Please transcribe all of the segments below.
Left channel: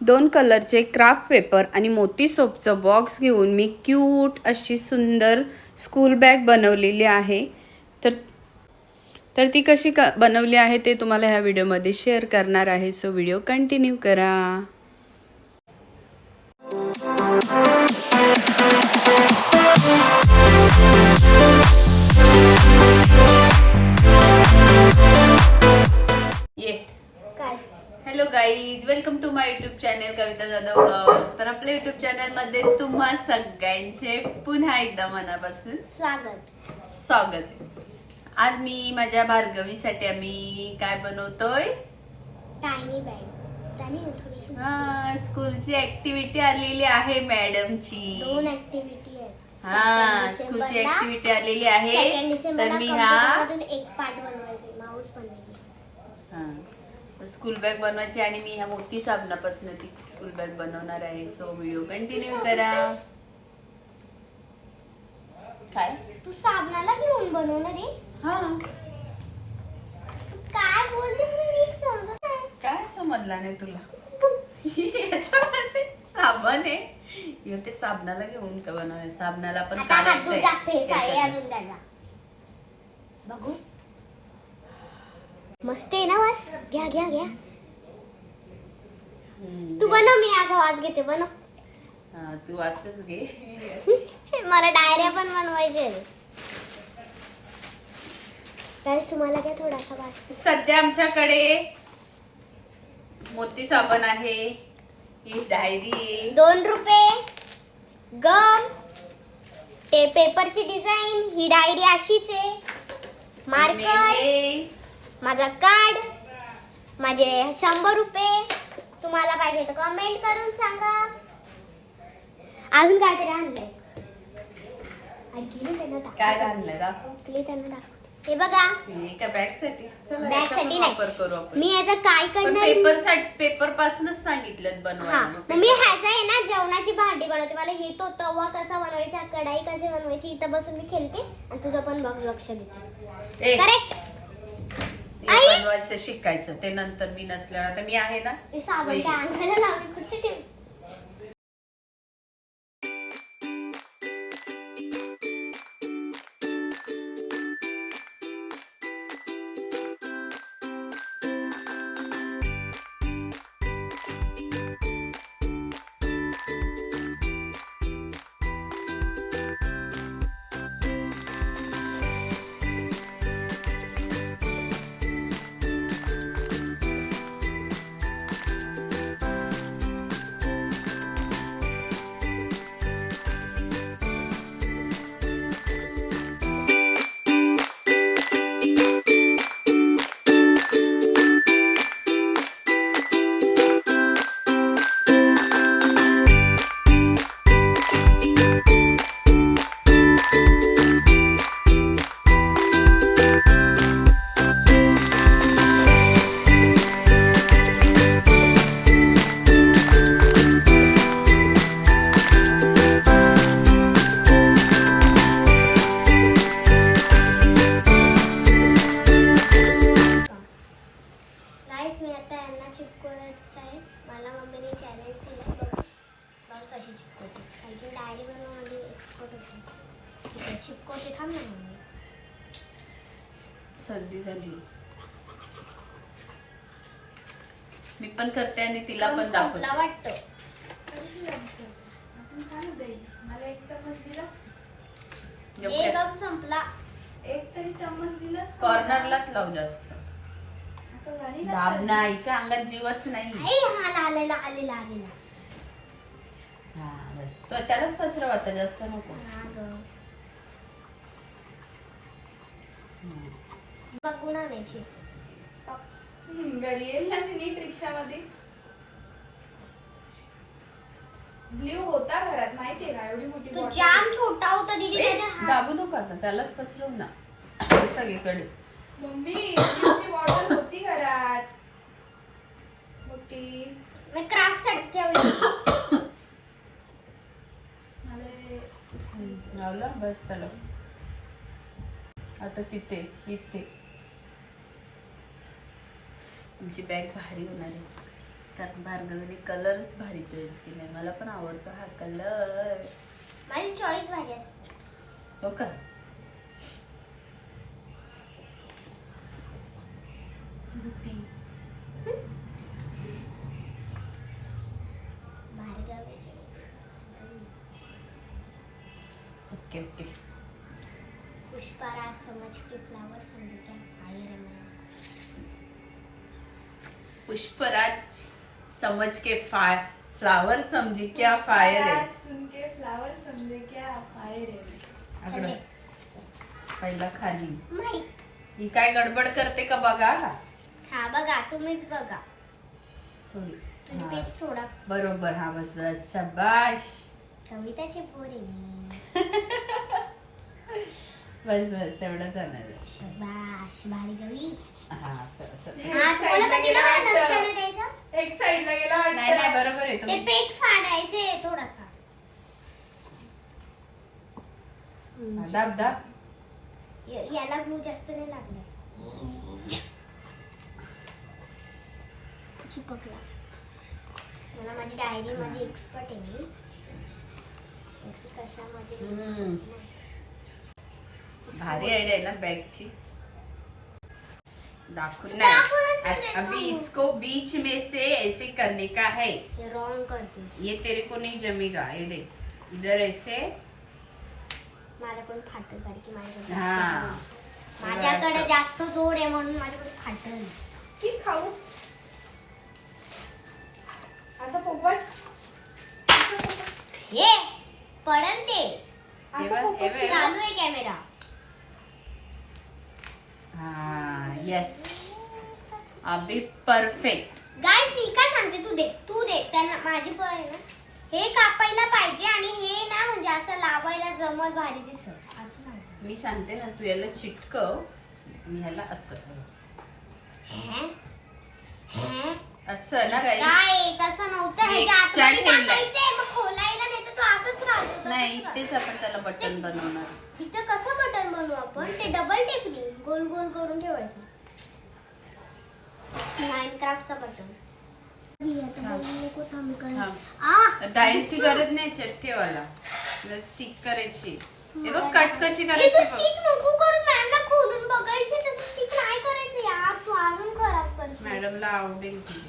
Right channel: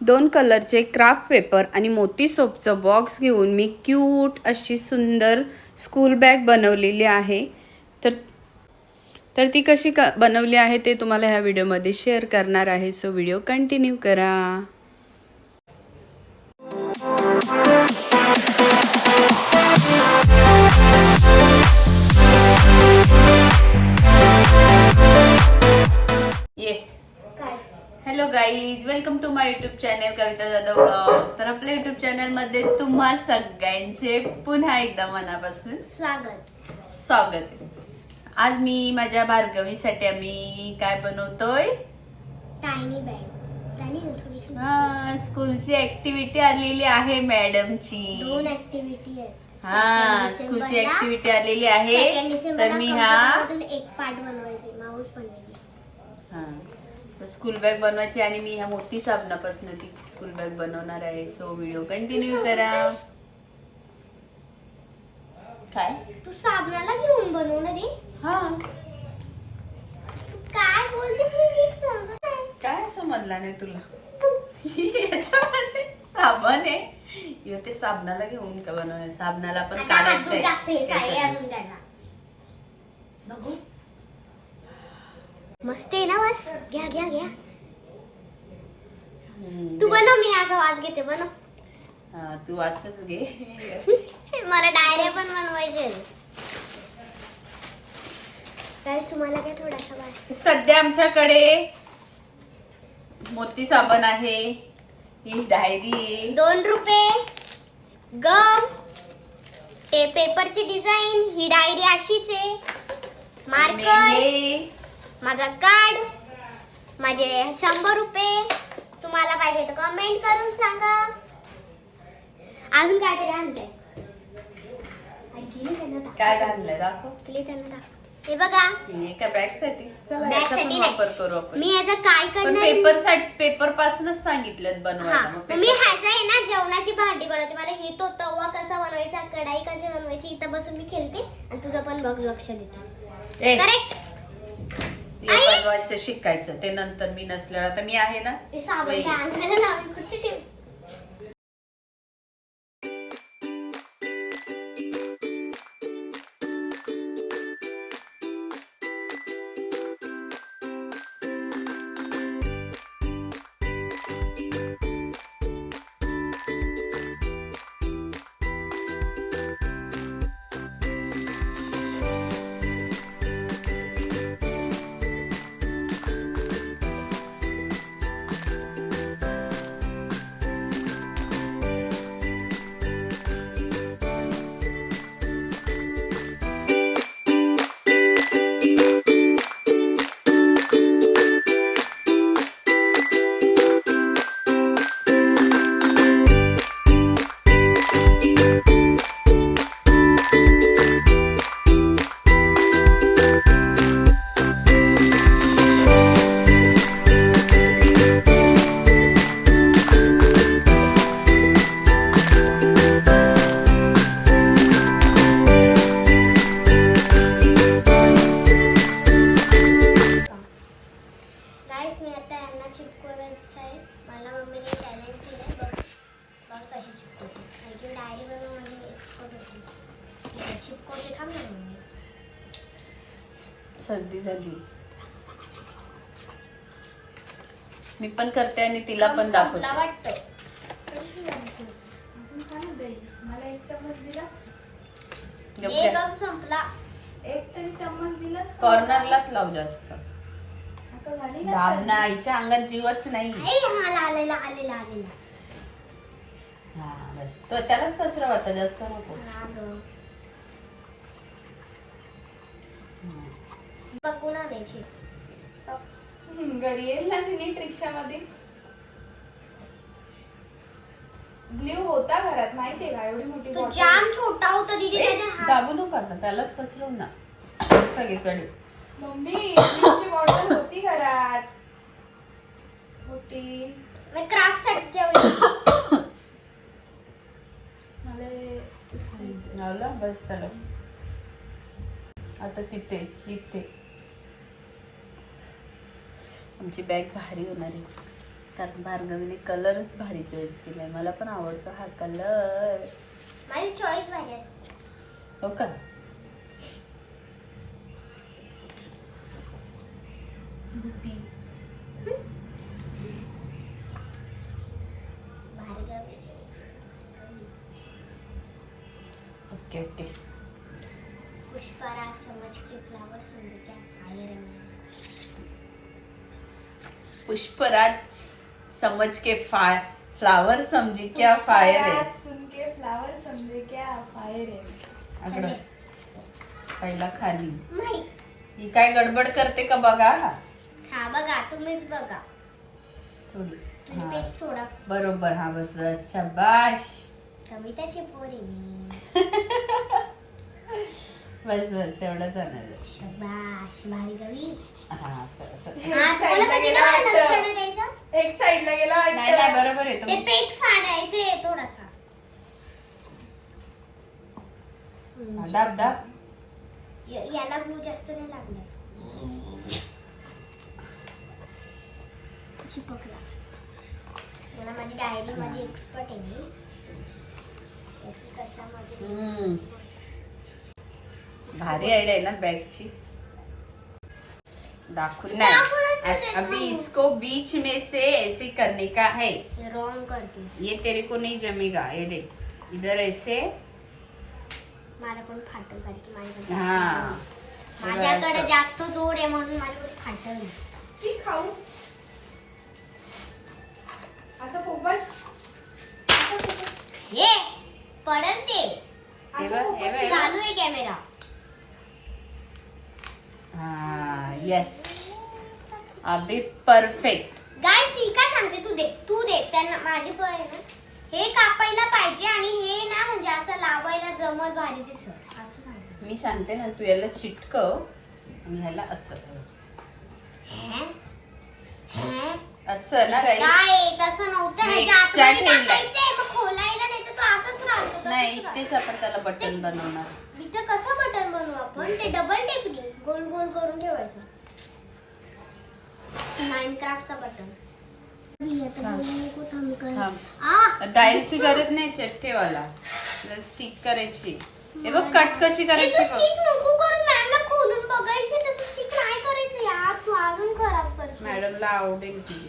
दोन कलरचे craft paper आणि मोती सोपचं बॉक्स घेऊन मी क्यूट अशी सुंदर स्कूल बॅग बनवलेली आहे. तर तर ती कशी क बनवली आहे ते तुम्हाला ह्या व्हिडिओमध्ये शेअर करणार आहे. सो व्हिडिओ कंटिन्यू करा. Hello guys welcome to my YouTube channel Kavita Jadhav vlog तर आपल्या युट्यूब चॅनलमध्ये तुम्हा सगळ्यांचे पुन्हा एकदा मनापासून स्वागत. स्वागत आहे. आज मी माझ्या भार्गवीसाठी आम्ही काय बनवतोय? हा स्कूलची ऍक्टिव्हिटी आलेली आहे मॅडमची दोन ऍक्टिव्हिटी हा स्कूलची ऍक्टिव्हिटी आलेली आहे. तर मी मधून एक पार्ट बनवायचे माऊस बनवायचे हा. स्कूल बॅग बनवायची आणि मी ह्या मोती साबणापासून ती स्कूल बॅग बनवणार आहे. सो व्हिडिओ कंटिन्यू करा. काय? तू साबणाला घेऊन बनव ना रे हा. तू काय बोलते काय समजला नाही तुला? याच्यामध्ये साबण आहे. ते साबणाला घेऊन का बनवणार? साबणाला पण आता हात धुवून जाते काढायचंय साई त्याच्यातनं. अजून काढला बघू मस्त आहे ना वास घ्या घ्या घ्या. तू बनव मी असा वास घेते बनव. हा, तू असंच घे. मला डायऱ्या पण बनवायचे त्यावेळेस तुम्हाला काय थोडासा वास सध्या आमच्याकडे मोती साबण आहे ही डायरी आहे. दोन रुपये गम ते पेपरची डिझाईन ही डायरी अशीच आहे. मार्कर मेले. माझा कार्ड माझे शंभर रुपये. तुम्हाला पाहिजे तर कमेंट करून सांगा. अजून काहीतरी आणलंय. काय आणलंय? दाखव. गेली त्यांना दाखव. हे बघा. एका बॅगसाठी. चला बॅग याचा पण साठी वापर करू आपण. मी याचं काय पण करणार पेपरसाठी पेपर पासूनच सांगितलं हा. बनवायला मग मग मी paper- ह्याचं आहे ना जेवणाची भांडी बनवते. मला येतो तवा कसा बनवायचा कढाई कशी बनवायची इथं बसून मी खेळते आणि तुझं पण बघ लक्ष देते. ए, करेक्ट बनवायचं शिकायचं. ते नंतर मी नसल्यावर. आता मी आहे ना? साबण. काय आणायला कुठे सर्दी झाली. मी पण करते आणि तिला पण दाखवते. वाटतं. मला एक चम्मच दिलास गप्प एक काय. कप संपला. एक तरी चम्मच दिलास का? कॉर्नरलाच लाव जास्त. आता झाली ना दाब ना आईच्या अंगात जीवच नाही. हा आलेला आलेला आलेला. हा बस. तो त्यालाच पसरव आता जास्त नको. हा ग. हम्म. बघून आणायची. घरी येईल ना ती नीट रिक्षामध्ये. ब्ल्यू होता घरात माहितीये का? एवढी मोठी तो bottle. जाम छोटा होता दीदी त्याच्या हात दाबू नको आता त्यालाच पसरव ना. सगळीकडे. मम्मी ब्ल्यूची बॉटल होती घरात. मोठी. मी क्राफ्टसाठी ठेवली. मला हे- लावला बस त्याला. आता तिथे इथे. आमची बॅग भारी होणार आहे. कारण भार्गवीने कलरच भारी चॉईस केलाय. मला पण आवडतो हा कलर माझी चॉईस भारी असते. हो का? पुष्पाराज समझ के फ्लावर समझे क्या? फायर है मैं. पुष्पराज समझ के फाय फ्लावर समजी क्या फायर है सुन के फ्लावर समझे क्या फायर है आकडं. पहिला खाली. नाही. ही काय गडबड करते का बघा? हा बघा तुम्हीच बघा. थोडी. आणि हा. पेज थोडा. बरोबर हा बस बस शाबाश कविताची पोर आहे मी. बस बस तेवढंच आणायचं शबाश भार्गवी हा असं असं. हा तुम्हाला कधी ना मला लक्ष नाही द्यायचं एक साइडला गेला. नाही नाही बरोबर आहे. ते तुम्ही पेज फाडायचे थोडासा. हा, दाब दाब. य- याला ग्लू जास्त नाही लागलाय चिपकला. मला माझी डायरी मध्ये एक्सपर्ट आहे मी. त्याची कशामध्ये हम्म. भारी आयडिया है ना बैग ची. दाखवून दाखवूनच नाही. अभी. इसको बीच में से ऐसे करने का है. रॉंग करतेस ये तेरे को नहीं जमेगा. ये देख. इधर ऐसे. माझ्याकडून फाटल कारण की माझ्याकडे हाँ. जास्त- माझ्याकडे जास्त जोर आहे म्हणून माझ्याकडे फाटल की खाऊ? असं पोपट हे पडल ते. चालू आहे कॅमेरा हाँ यस अभी परफेक्ट गाईस मी काय सांगते तू दे तू दे. त्यांना माझी पण आहे ना. हे कापायला पाहिजे आणि हे ना म्हणजे असं लावायला जमल भारी दिसत. असं सांगते. मी सांगते ना तू याला चिटकव आणि ह्याला असं हे? हे? असं ना काही? काय तसं नव्हतं. मी ह्याच्या आतमध्ये extra ठेवलंय. टाकायचंय मग खोलायला नाही तर तो असंच राहतो तसंच नाही राहतो. तेच आपण त्याला बटन बनवणार. इथं कसं बटन बनवू आपण? ते डबल टेपनी गोल गोल करून ठेवायचं. माइनक्राफ्टचा बटन थांब. गरज नाही चट्टेवाला स्टिक करायची. हे बघ कट कशी करायची तू बघ. स्टिक नको करू मॅमला खोलून बघायचं तसं स्टिक नाही करायचं यार तू अजून खराब करतो मॅडमला आवडेल ती.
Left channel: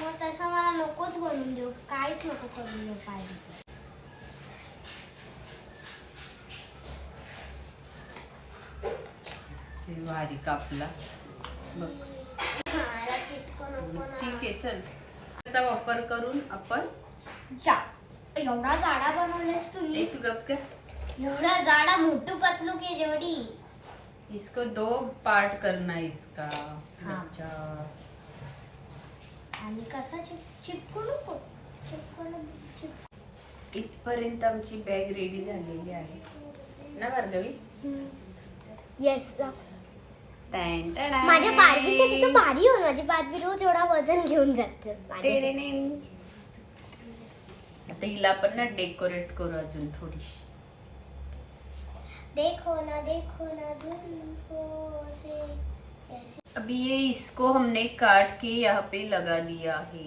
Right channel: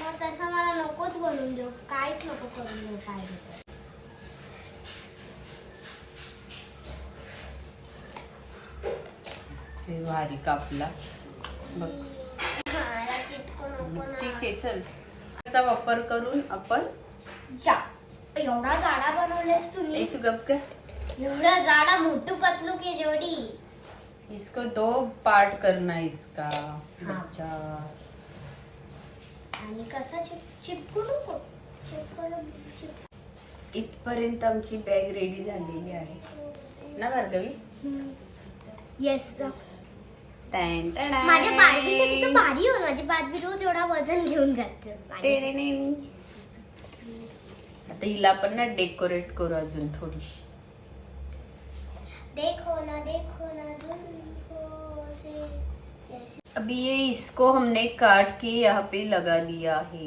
मग तसं मला नकोच बनवून देऊ. काहीच नको करून देऊ पाहिजे तर ते भारी कापला. बघ. खायला चिटको नको ठीक ना आहे चल. त्याचा वापर करून आपण जा. एवढा जाडा बनवलेस तुम्ही. एक गप कर. एवढा जाडा मोठू पतलू की जेवढी इसको दो पार्ट करना है इसका. हाँ. बच्चा. आणि कसा चिप चिपकू नको. चिपकून चिप इथपर्यंत आमची बॅग रेडी झालेली आहे. ना भार्गवी? येस माझ्या बार्बीसाठी तर भारी हो माझी बार्बी रोज एवढा वजन घेऊन जाते. आता हिला पण ना डेकोरेट करू अजून थोडीशी. देखो ना देखो ना जुल्फों से. ऐसे अभी ये इसको हमने काट के यहाँ पे लगा दिया है।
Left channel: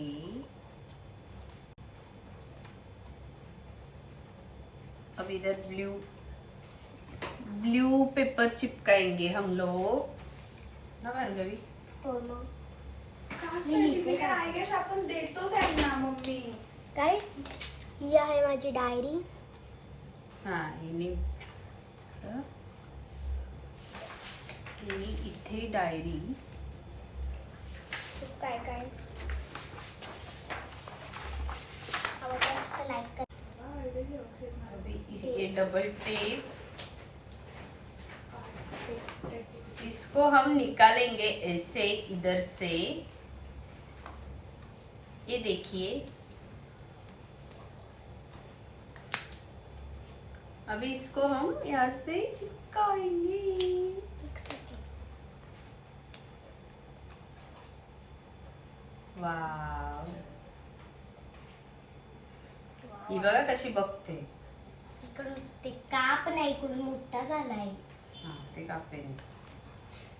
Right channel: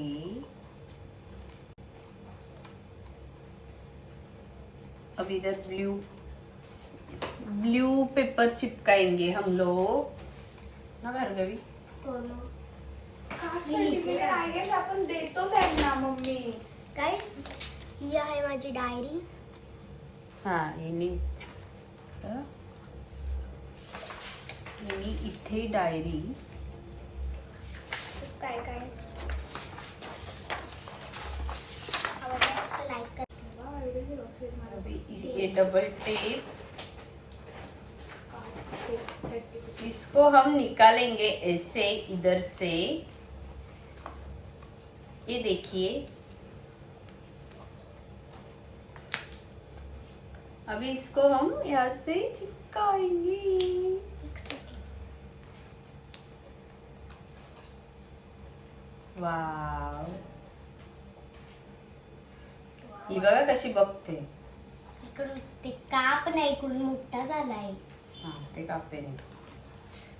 अब इधर ब्लू ब्लू पेपर चिपकाएँगे हम लोग। ना भार्गवी त्यांना मम्मी। ही आहे माझी डायरी हाँ? इथे डायरी डबल टेप इसको हम निकालेंगे ऐसे, इधर से। ये देखिए। अभी इसको हम यहाँ से चिपकाएँगे। वाव. ही बघा कशी बघते. इकडून ते काप नाही इकडून मोठा झालाय. हा ते कापेन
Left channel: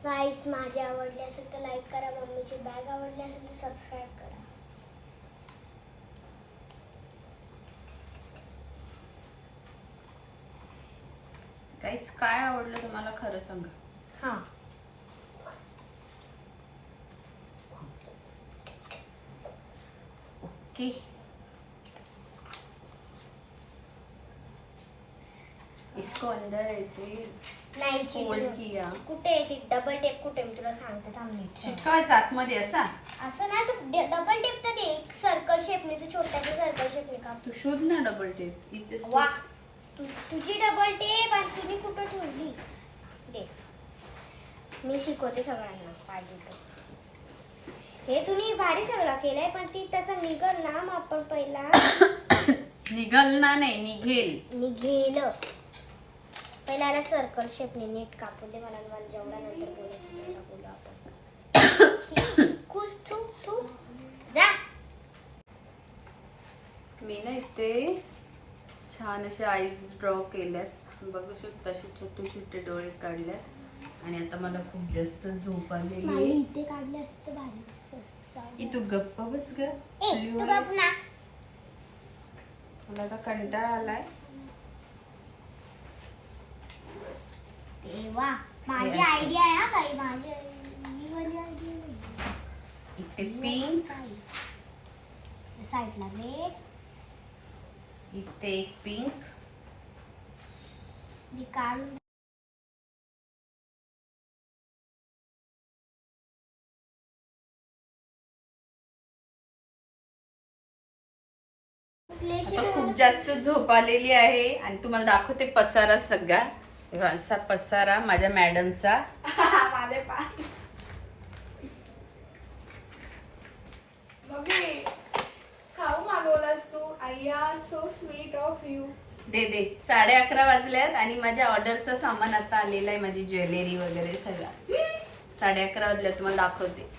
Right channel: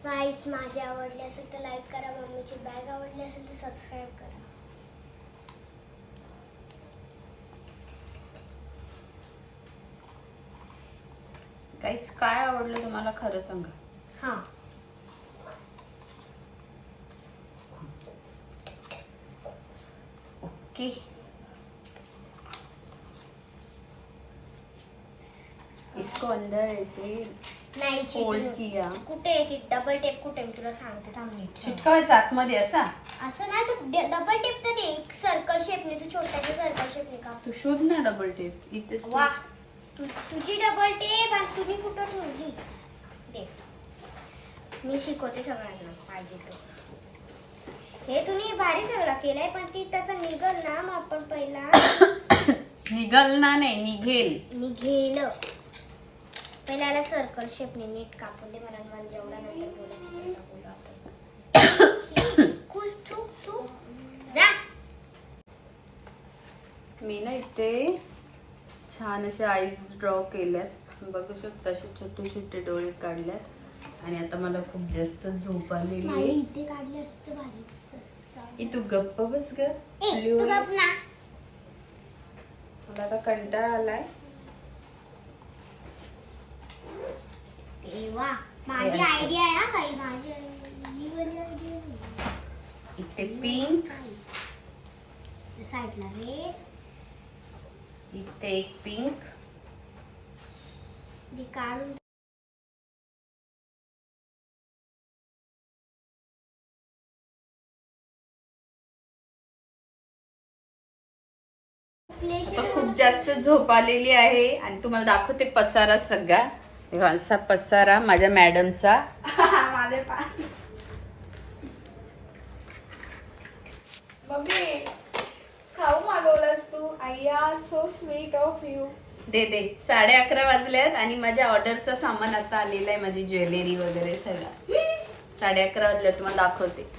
गाईस माझी आवडली असेल तर लाईक करा मम्मीची बॅग आवडली असेल तर सबस्क्राईब करा. काहीच काय आवडलं तुम्हाला खरं सांगा. हां. ओके इसको अंदर ऐसे नाही फोल्ड cheating. किया. कुठे डबल टेप कुठे? मी तुला सांगते थांब नीट चिटकावायचं आतमध्ये असा? असं नाही तू डबल टेप तर दे. एक सर्कल शेपने तू छोट्याच्या सर्कल शेपने का तू शोध ना डबल टेप इथे वा. तू तुझी डबल टेप आणि तुम्ही कुठं ठेवली? दे. मी शिकवते सगळ्यांना. पाहिजे तर. हे तुम्ही भारी सगळं केलंय पण ती तसं निघल ना मग आपण पहिला. निघल ना नाही निघेल. निघेल. पहिला याला सर्कल शेपने नीट कापून दे मला मला जेवढा नंतर बोलायचं तेवढा बोलू आपण. जा. मी ना इथे छान असे आईज ड्रॉ केल्यात. बघू शकता असे छोटे छोटे डोळे काढल्यात. आणि आता मला खूप जास्त झोप आलेली आहे. इथे काढली असते भारी तू गप्प बस ग. मला आता कंटाळा आलाय. माझी हे. आयडिया आहे. हा काही माझी. इथे पिंक साईडला रेड इथे एक पिंक काढून आता खूप जास्त झोप आलेली आहे आणि तुम्हाला दाखवते पसारा सगळा. असा पसारा माझ्या मॅडमचा. खाऊ मागवलंस तू. आय्या सो स्वीट ऑफ यू दे दे. साडे अकरा वाजल्यात आणि माझ्या ऑर्डरचं सामान आता आलेलं आहे माझी ज्वेलरी वगैरे सगळं. साडे अकरा वाजल्यात तुम्हाला दाखवते.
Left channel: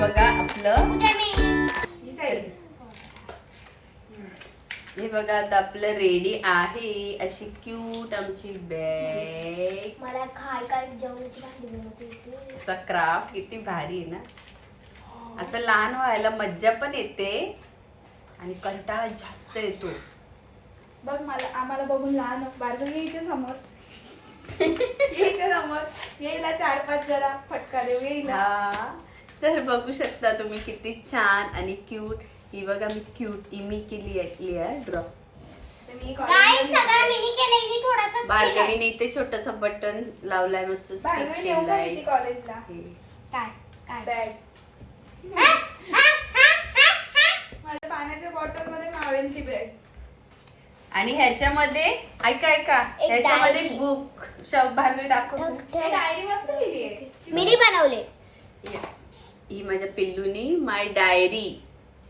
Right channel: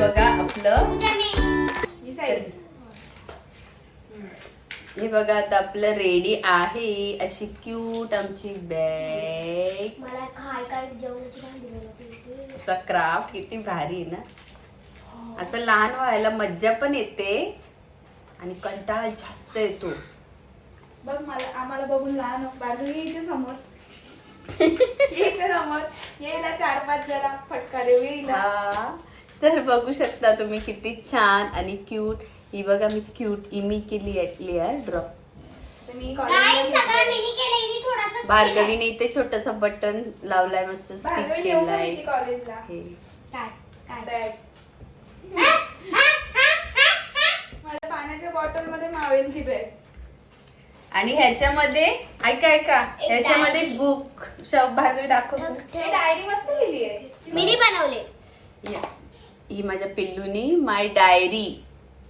बघा आपलं. ही हे बघा आता आपलं रेडी आहे. अशी क्यूट आमची बॅग मला काय काय होती. असा क्राफ्ट किती भारी आहे ना? असं लहान व्हायला मज्जा पण येते. आणि कंटाळा जास्त येतो. बघ मला आम्हाला बघून लहान बारगं इथे समोर. इथे समोर. येईला चार पाच जरा फटका देऊ येईला हा. तर बघू शकता तुम्ही किती छान आणि क्यूट ही बघा मी क्यूट इमी केली आहे ड्रॉ मी भार्गवीने इथे छोटस बटन लावलाय मस्त स्टिक केलाय. हे. पाण्याच्या बॉटलमध्ये मावेल ती बॅग आणि ह्याच्यामध्ये ऐका ऐका ह्याच्यामध्ये. बुक भार्गवी दाखव हे डायरी मस्त लिहिली आहे. मिनी बनवले. या. ही माझ्या पिल्लूनी माय डायरी.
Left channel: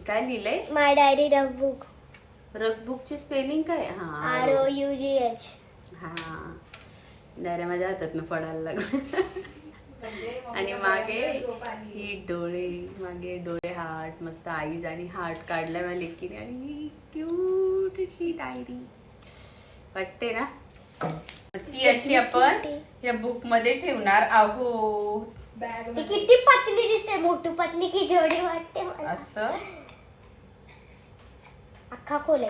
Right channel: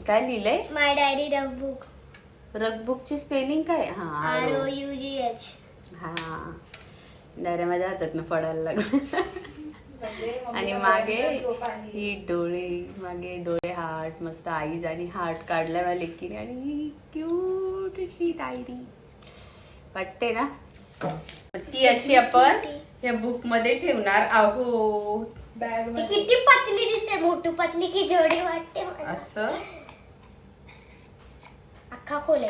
काय लिहिलंय? My diary rough book. रगबुकची spelling काय? हा R. O U G H. हा. डायऱ्या माझ्या हातातनं पडायला लागलं आणि मागे ही डोळे मागे डोळे हार्ट मस्त आईज आणि हार्ट काढलाय मला लेकीने. आणि क्यूट अशी डायरी. वाटते ना? ती अशी आपण या बुकमध्ये ठेवणार आहोत. बॅग ती किती पतली दिसते मोठू पतली की जेवढी वाटते मला. असं? अख्खा खोल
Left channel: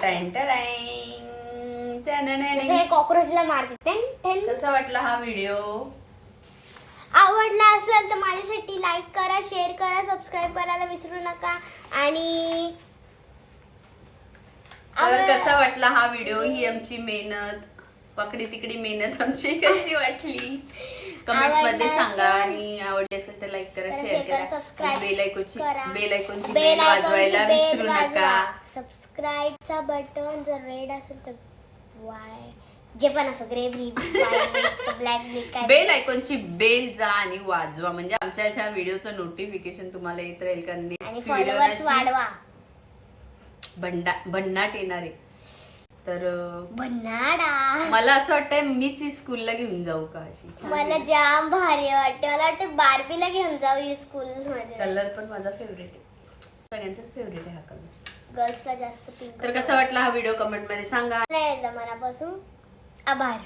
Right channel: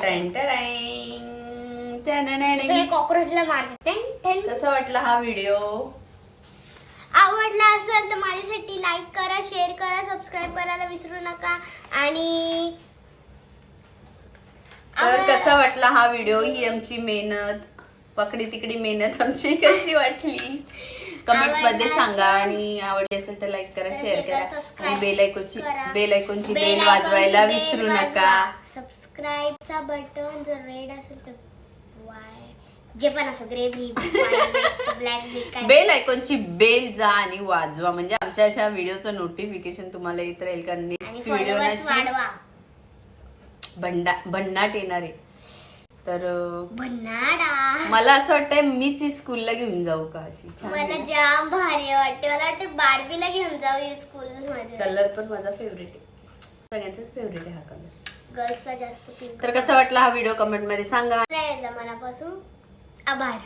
कॉक्रोचला मारते टेन टेन कसं वाटला हा व्हिडिओ? आवडला असेल तर माझ्यासाठी लाईक करा शेअर करा सबस्क्राईब करायला विसरू नका. आणि तर कसा वाटला हा व्हिडिओ? ही आमची मेहनत. पकडी तिकडी मेहनत आमची कशी वाटली? कमेंटमध्ये सांगा आणि आवडली असेल तर लाईक करा शेअर करा, आणि बेल आयकोनची. बेल आयकोनची बेल वाजवायला विसरू. नका. सबस्क्राईबचा बटन जर रेड असेल तर वाय जे पण असो ग्रे ब्लॅक बेल आयकॉनची बेल जा आणि वाजवा. म्हणजे आमच्या अशा व्हिडिओचं नोटिफिकेशन तुम्हाला येत राहील. कारण नेक्स्ट व्हिडिओ वाढवा. भंडा भन्नाट येणार आहे. तर मला असं वाटतंय मीच ही स्कूलला घेऊन जाऊ का अशी मला जाम भारी वाटते. मला वाटते बार्बीला घेऊन जाऊ स्कूल मध्ये. कलर पण माझा फेवरेट आहे. सगळ्यांचाच फेवरेट आहे हा कलर. गर्ल्सला जास्त पिंक तर कसा वाटला हा व्हिडिओ कमेंटमध्ये सांगा. मनापासून. आभार.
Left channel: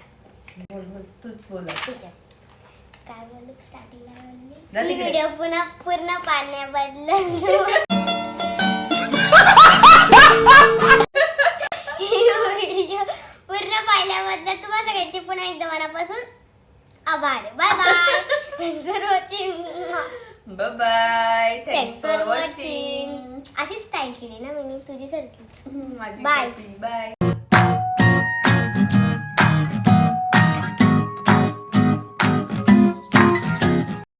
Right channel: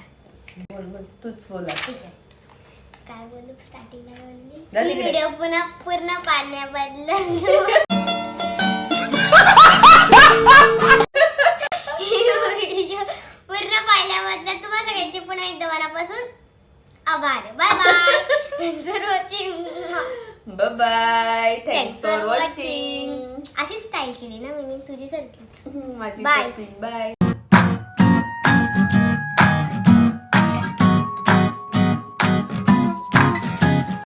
बोल बोल तूच बोला काय बोलू स्टार्टिंगला बोलली. झाली ही? व्हिडिओ पुन्हा पूर्ण पाण्याबद्दल bye thanks thanks for watching अशी स्टाईल केली ना मी तुझी सारखीच. माझी Bye. बाय